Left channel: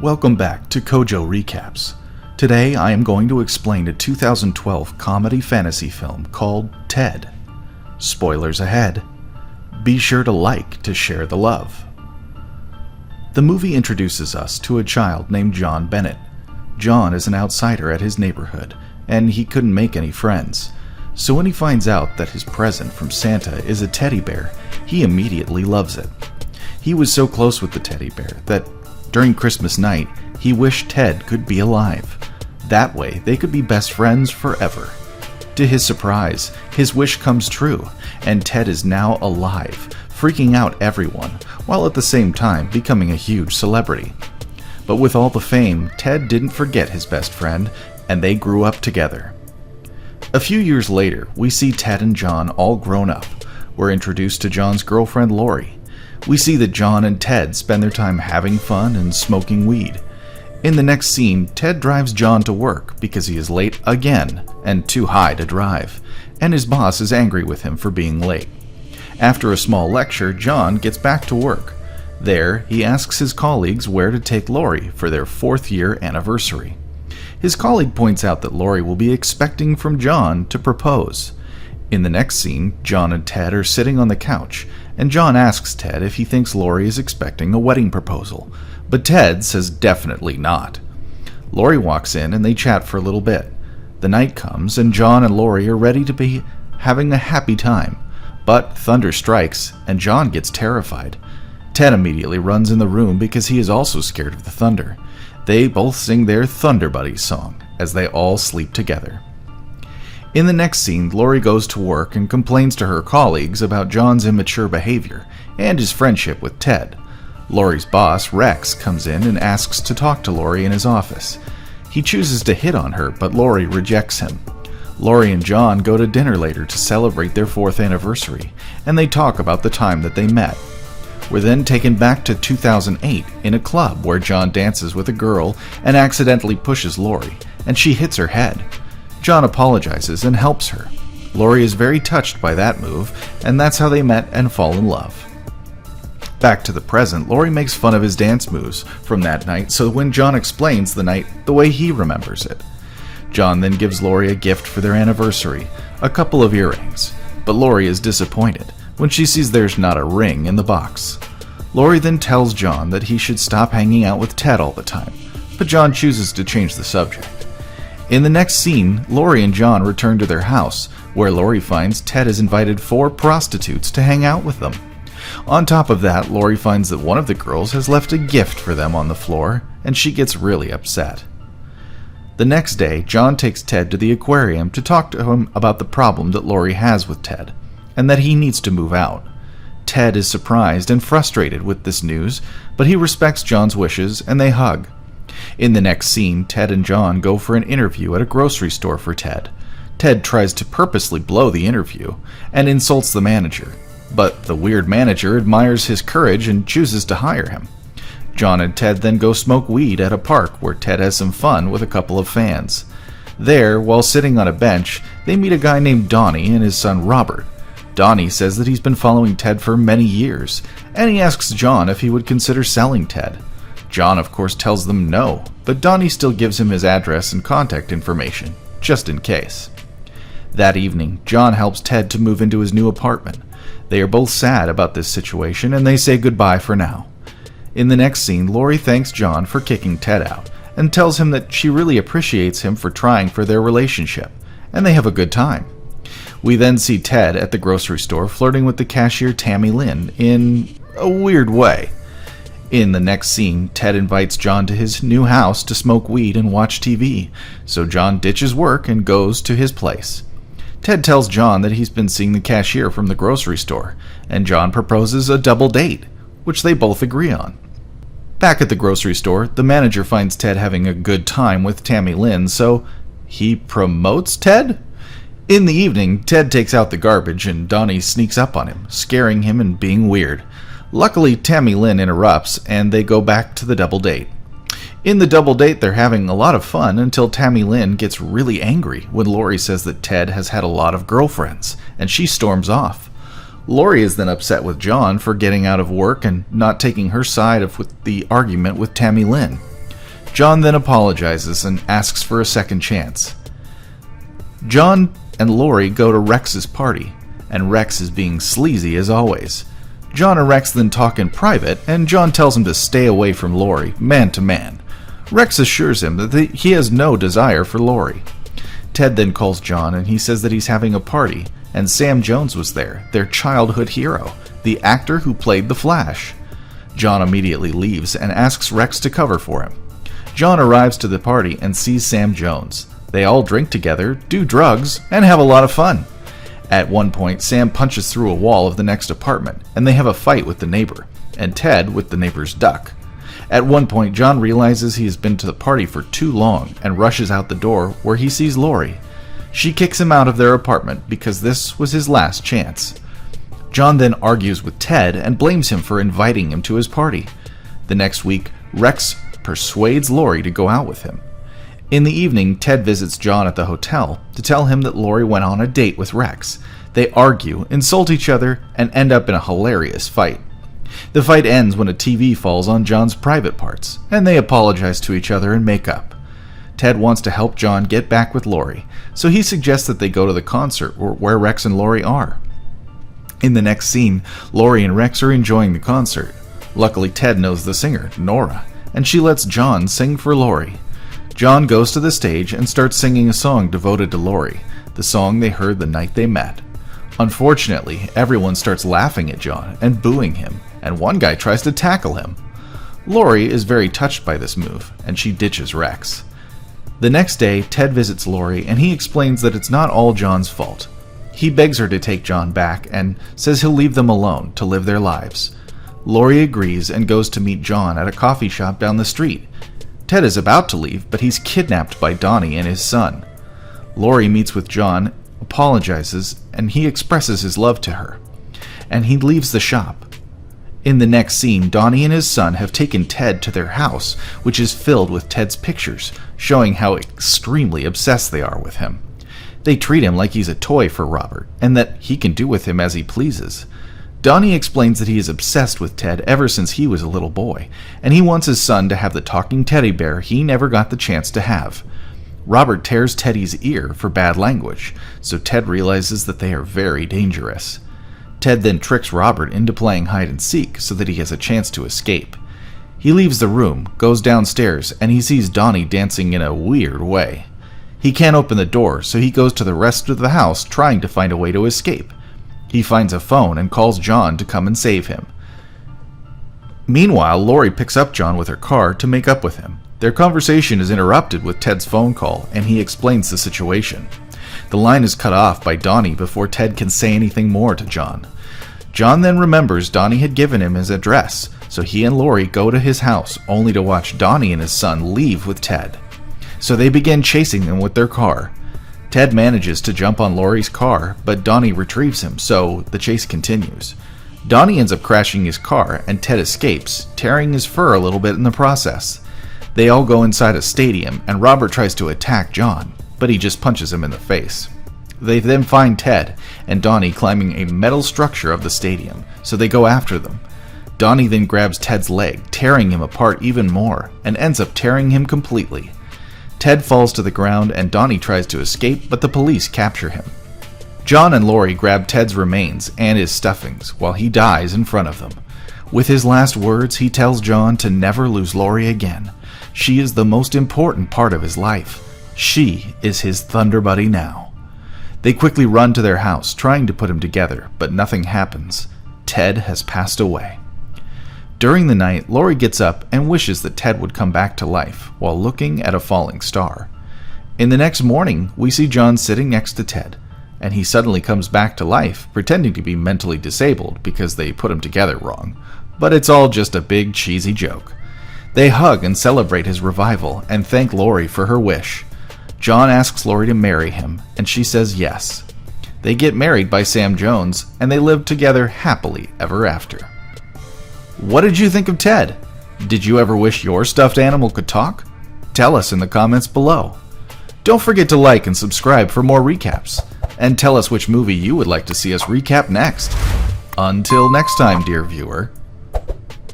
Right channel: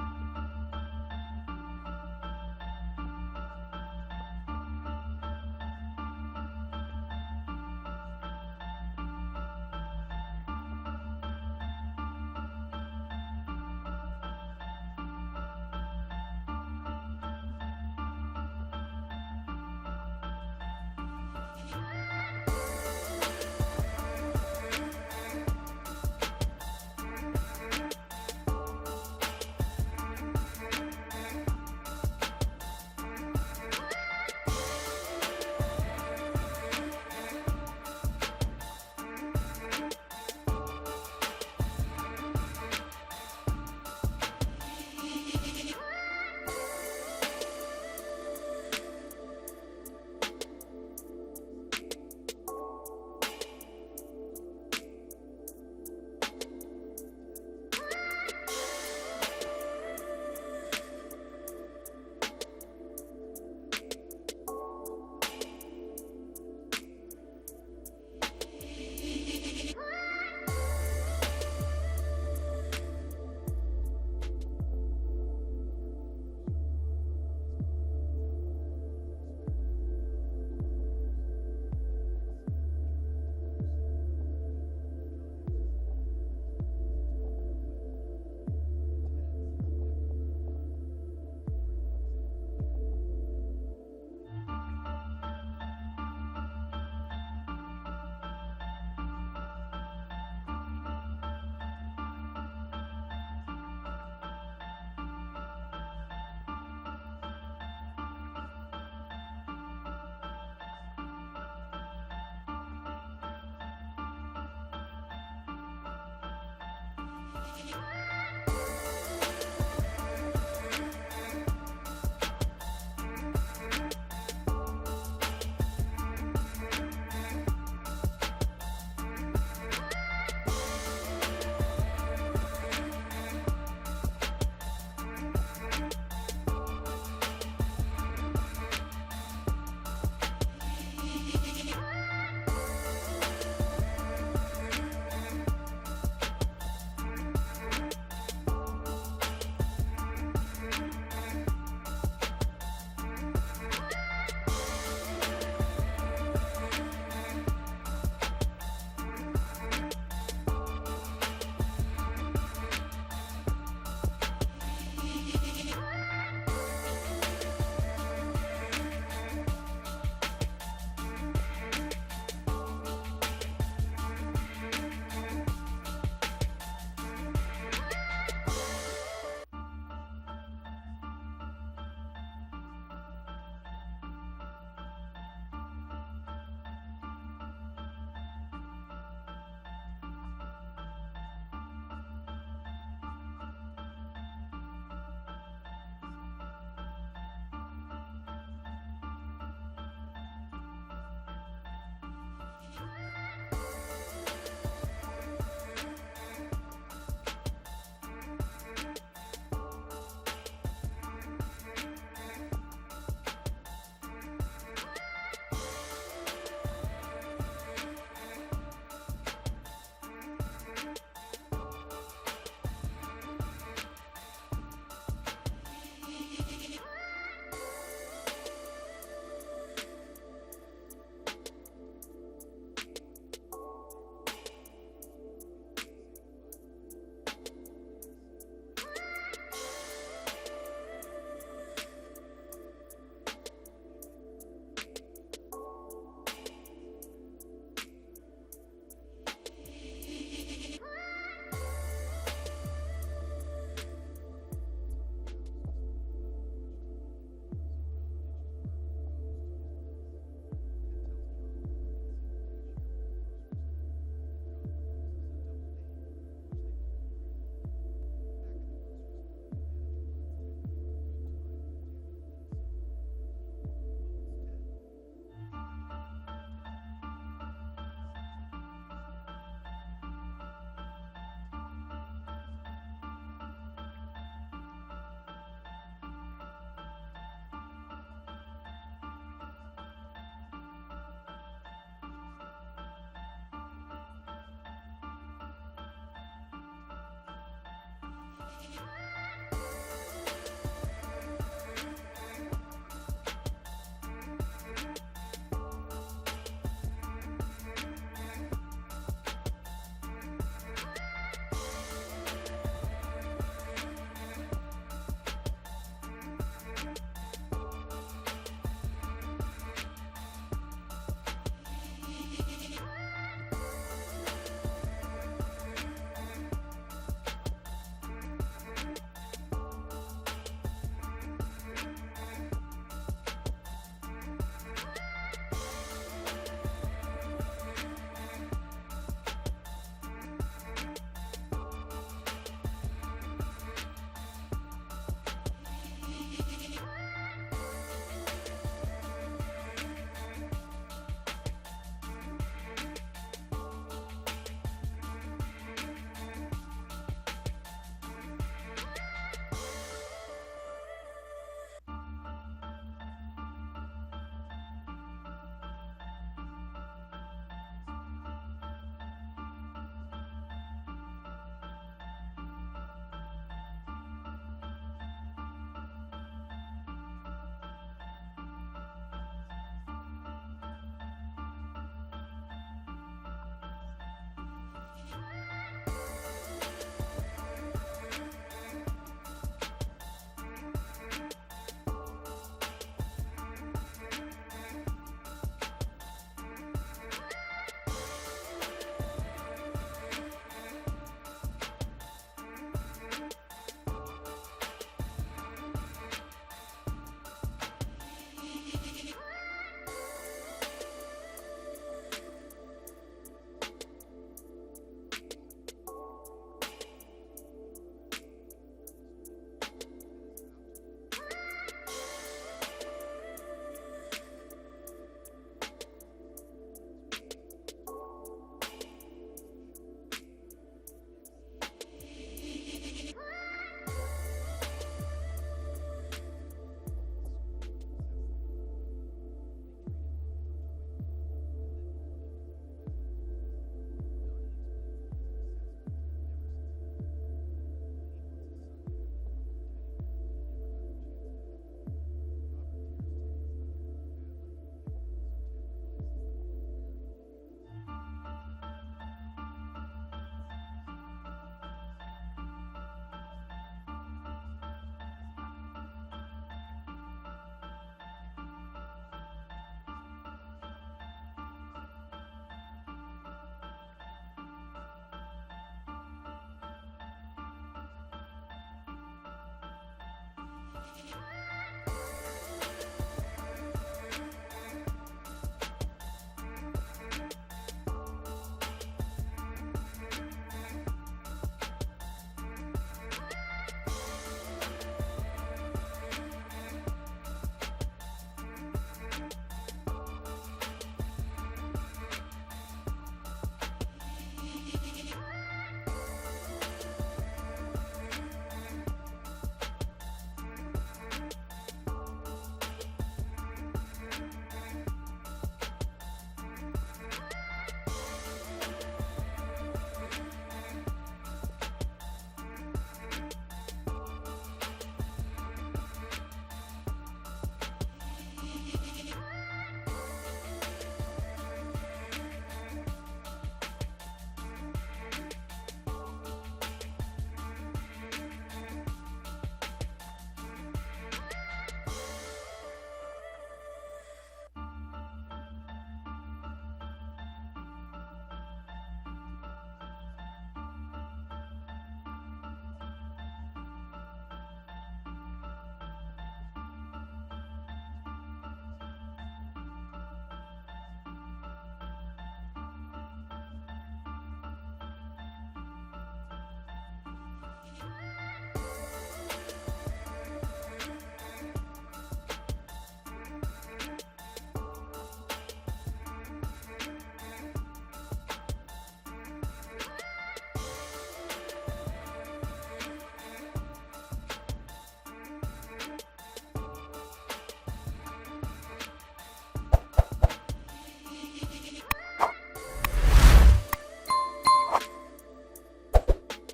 Welcome back to Kojorecaps. Today I am going to explain a 2012 comedy fantasy film called Ted. Spoilers ahead. Be sure to like to share the love. The movie introduces us to a child named John Bennett. John is an outsider at his neighborhood, and he couldn't make any friends. So when he finds out that his present from Santa is a teddy bear, he immediately loves it. He was so close with the teddy bear that during Christmas night, he wished Ted could be alive. That way, they could be best friends forever. To his surprise, his wish comes true, and Ted is now alive, freaking out everyone, while at the same time becoming a huge celebrity. But with all the fame, Ted didn't forget his best friend, and they grew up together. A few years later, we see Ted and John all grown up. We're introduced to John's girlfriend, Lori. We see that John and Ted spend their time having fun and smoking weed. In the next scene, Ted drives John to work because he is late again and too high to drive, and his boss is angry with him for being late. After a small lecture, John gets back to work. There, he asks his colleagues where to take Lori for their 4th-year anniversary. His colleague points out that Lori will be expecting from John to propose. In the next scene, John and Ted are sitting on the couch, and John asks Ted if he thinks Lori is expecting a wedding proposal, but Ted says definitely not. Lori walks in and they chat for a little bit. The night comes and John and Lori are ready to be having a happy time, but thunder strikes and John gets terrified. Ted immediately runs in the room because he is also scared of the thunder. They both sing their Thunder Buddies song as they all sleep together. In the next scene, Lori goes to work and complains to her colleagues about John's immature behavior and his friendship with Ted. Lori's boss, Rex, comes in and asks to talk to Lori in his office. He chooses to hit on her, but Lori rejects him. Lori and John go to dinner later to celebrate their 4th anniversary, and they talk about the time that they met. We're then taken back to 2008 in a club where John dances with a girl and accidentally pushes Lori, and she hits her head. John apologizes and helps her. Lori is very touched by that move, and that's how they met and fall in love. Back to the present, Lori makes fun of his dance moves from that night, so when John explains the night the way he remembers it. John then gives Lori a gift for their anniversary, a couple of earrings, but Lori is disappointed when she sees there's not a ring in the box. Lori then tells John that he should stop hanging out with Ted all the time, but John chooses to change the subject. In the next scene, Lori and John return to their house, where Lori finds Ted has invited 4 prostitutes to hang out with them. On top of that, Lori finds that one of the girls has left a gift for them on the floor, and she gets really upset. The next day, John takes Ted to the aquarium to talk to him about the problem that Lori has with Ted, and that he needs to move out. Ted is surprised and frustrated with this news, but he respects John's wishes and they hug. In the next scene, Ted and John go for an interview at a grocery store for Ted. Ted tries to purposely blow the interview and insults the manager, but the weird manager admires his courage and chooses to hire him. John and Ted then go smoke weed at a park where Ted has some fun with a couple of fans. There, while sitting on a bench, they meet a guy named Donnie and his son Robert. Donnie says that he's been following Ted for many years, and he asks John if he would consider selling Ted. John, of course, tells them no, but Donnie still gives him his address and contact information, just in case. That evening, John helps Ted to move into his new apartment. They are both sad about this situation, and they say goodbye for now. In the next scene, Lori thanks John for kicking Ted out, and tells him that she really appreciates him for trying for their relationship, and they have a good time. We then see Ted at the grocery store flirting with the cashier Tammy Lynn in a weird way. In the next scene, Ted invites John to his new house to smoke weed and watch TV, so John ditches work and goes to his place. Ted tells John that he's been seeing the cashier from the grocery store, and John proposes a double date, which they both agree on. Back at the grocery store, the manager finds Ted having a good time with Tammy Lynn, so he promotes Ted? In the evening, Ted takes out the garbage and Donnie sneaks up on him, scaring him and being weird. Luckily, Tammy Lynn interrupts, and they go back to the double date. In the double date, they're having a lot of fun until Tammy Lynn gets really angry when Lori says that Ted has had a lot of girlfriends, and she storms off. Lori is then upset with John for getting out of work and not taking her side of the argument with Tammy Lynn. John then apologizes and asks for a second chance. John and Lori go to Rex's party, and Rex is being sleazy as always. John and Rex then talk in private, and John tells him to stay away from Lori, man to man. Rex assures him that he has no desire for Lori. Ted then calls John and he says that he's having a party, and Sam Jones was there, their childhood hero, the actor who played the Flash. John immediately leaves and asks Rex to cover for him. John arrives to the party and sees Sam Jones. They all drink together, do drugs, and have a lot of fun. At one point, Sam punches through a wall of the next apartment, and they have a fight with the neighbor, and Ted with the neighbor's duck. At one point, John realizes he has been to the party for too long and rushes out the door where he sees Lori. She kicks him out of their apartment because this was his last chance. John then argues with Ted and blames him for inviting him to his party. The next week, Rex persuades Lori to go out with him. In the evening, Ted visits John at the hotel to tell him that Lori went on a date with Rex. They argue, insult each other, and end up in a hilarious fight. The fight ends when a TV falls on John's private parts, and they apologize to each other and make up. Ted wants to help John get back with Lori, so he suggests that they go to the concert where Rex and Lori are. In the next scene, Lori and Rex are enjoying the concert. Luckily, Ted knows the singer, Nora, and she lets John sing for Lori. John goes to the stage and starts singing a song devoted to Lori, the song they heard the night they met. Unfortunately, everyone starts laughing at John and booing him, and one guy tries to tackle him. Lori is very touched by this move, and she ditches Rex. The next day, Ted visits Lori, and he explains that it's not all John's fault. He begs her to take John back and says he'll leave them alone to live their lives. Lori agrees and goes to meet John at a coffee shop down the street. Ted is about to leave, but he's kidnapped by Donnie and his son. Lori meets with John, apologizes, and he expresses his love to her. And he leaves the shop. In the next scene, Donnie and his son have taken Ted to their house, which is filled with Ted's pictures, showing how extremely obsessed they are with him. They treat him like he's a toy for Robert, and that he can do with him as he pleases. Donnie explains that he is obsessed with Ted ever since he was a little boy, and he wants his son to have the talking teddy bear he never got the chance to have. Robert tears Teddy's ear for bad language, so Ted realizes that they are very dangerous. Ted then tricks Robert into playing hide and seek so that he has a chance to escape. He leaves the room, goes downstairs, and he sees Donnie dancing in a weird way. He can't open the door, so he goes to the rest of the house trying to find a way to escape. He finds a phone and calls John to come and save him. Meanwhile, Lori picks up John with her car to make up with him. Their conversation is interrupted with Ted's phone call, and he explains the situation. The line is cut off by Donnie before Ted can say anything more to John. John then remembers Donnie had given him his address, so he and Lori go to his house, only to watch Donnie and his son leave with Ted. So they begin chasing them with their car. Ted manages to jump on Lori's car, but Donnie retrieves him, so the chase continues. Donnie ends up crashing his car, and Ted escapes, tearing his fur a little bit in the process. They all go inside a stadium, and Robert tries to attack John, but he just punches him in the face. They then find Ted and Donnie climbing a metal structure of the stadium, so they go after them. Donnie then grabs Ted's leg, tearing him apart even more, and ends up tearing him completely. Ted falls to the ground and Donnie tries to escape, but the police capture him. John and Lori grab Ted's remains and his stuffings while he dies in front of them. With his last words, he tells John to never lose Lori again. She is the most important part of his life. She is his Thunder Buddy now. They quickly run to their house, trying to put him together, but nothing happens. Ted has passed away. During the night, Lori gets up and wishes that Ted would come back to life while looking at a falling star. In the next morning, we see John sitting next to Ted, and he suddenly comes back to life, pretending to be mentally disabled because they put him together wrong. But it's all just a big cheesy joke. They hug and celebrate his revival and thank Lori for her wish. John asks Lori to marry him, and she says yes. They get married by Sam Jones, and they live together happily ever after. What did you think of Ted? Did you ever wish your stuffed animal could talk? Tell us in the comments below. Don't forget to like and subscribe for more recaps, and tell us which movie you would like to see us recap next. Until next time, dear viewer,